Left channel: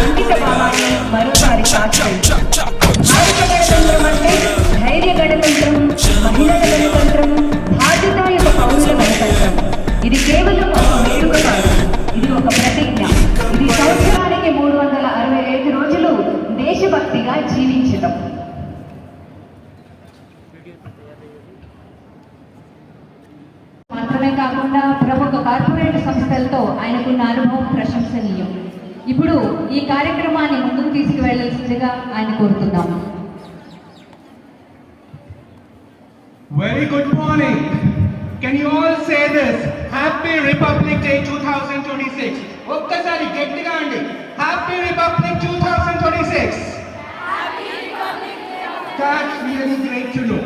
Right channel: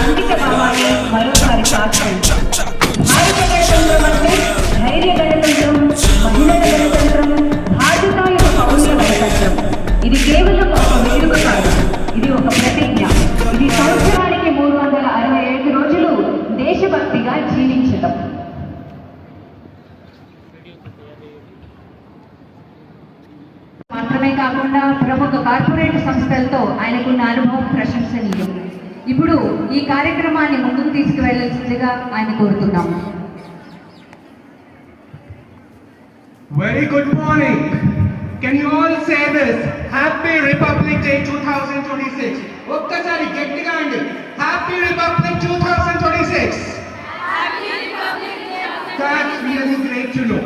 అంకిత భావాన్ని మరోసారి సాధించండి. భారత గణతంత్రం అంటే ధైర్య గణతంత్రం, మహిళల గణతంత్రం, బాధ్యతాయుత పౌరుల గణతంత్రం. ఇది కేవలం ఒక వేడుక కాదు, ఇది ఒక ప్రతిజ్ఞ. ఇది సంవత్సరానికి 365 రోజులు దేశభక్తిగా జీవించటం. మాత్రమే కాకుండా ప్రముఖ కార్పొరేట్ సంస్థలతో ఆయనకున్న అనుభవం ప్రశంసనీయం. ఇప్పుడు ఈ కార్యక్రమాన్ని ముందుకు తీసుకువెళ్లాల్సిందిగా ఆయన కోరుతున్నాం. Very good morning. Can you all say this? Happy Republic Day 2026. ఒక్కసారి గట్టిగా అండి. Happy Republic 2026. Happy Republic Day. That's really great to know.